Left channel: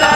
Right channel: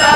ला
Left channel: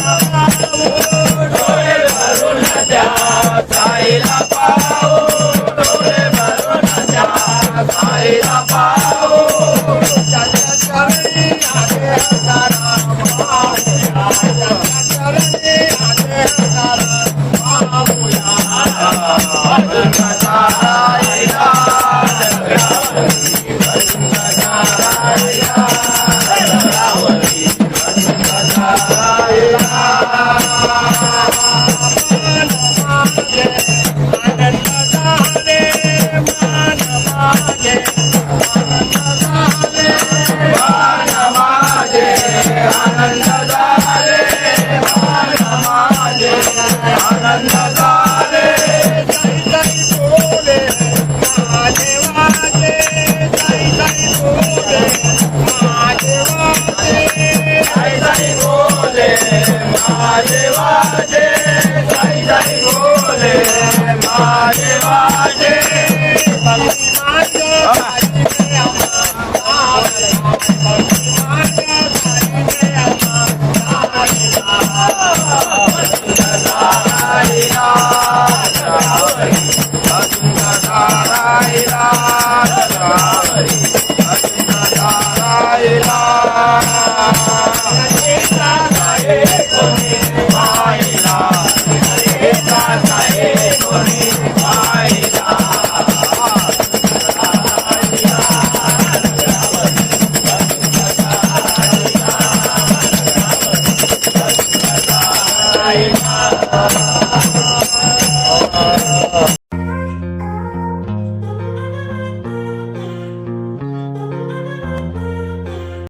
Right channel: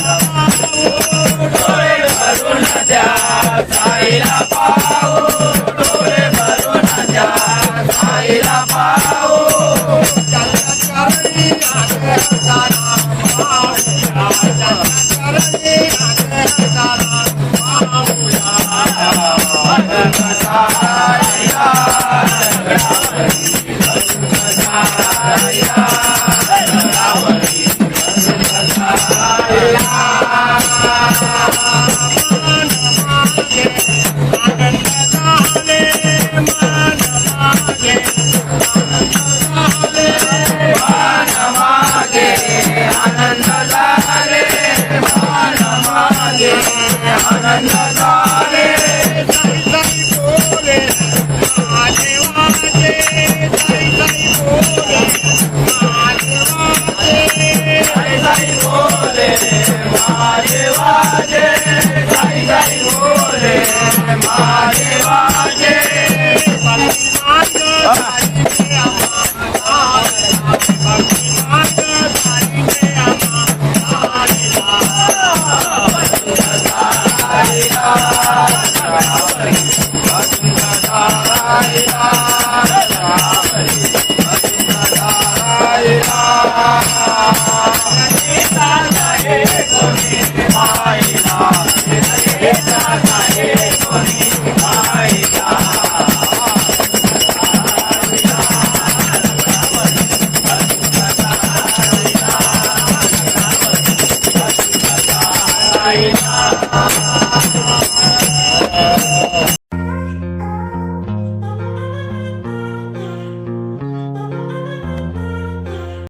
yeah. વાજે સાઈ સાઈ બોલે મારે વાજે Bye.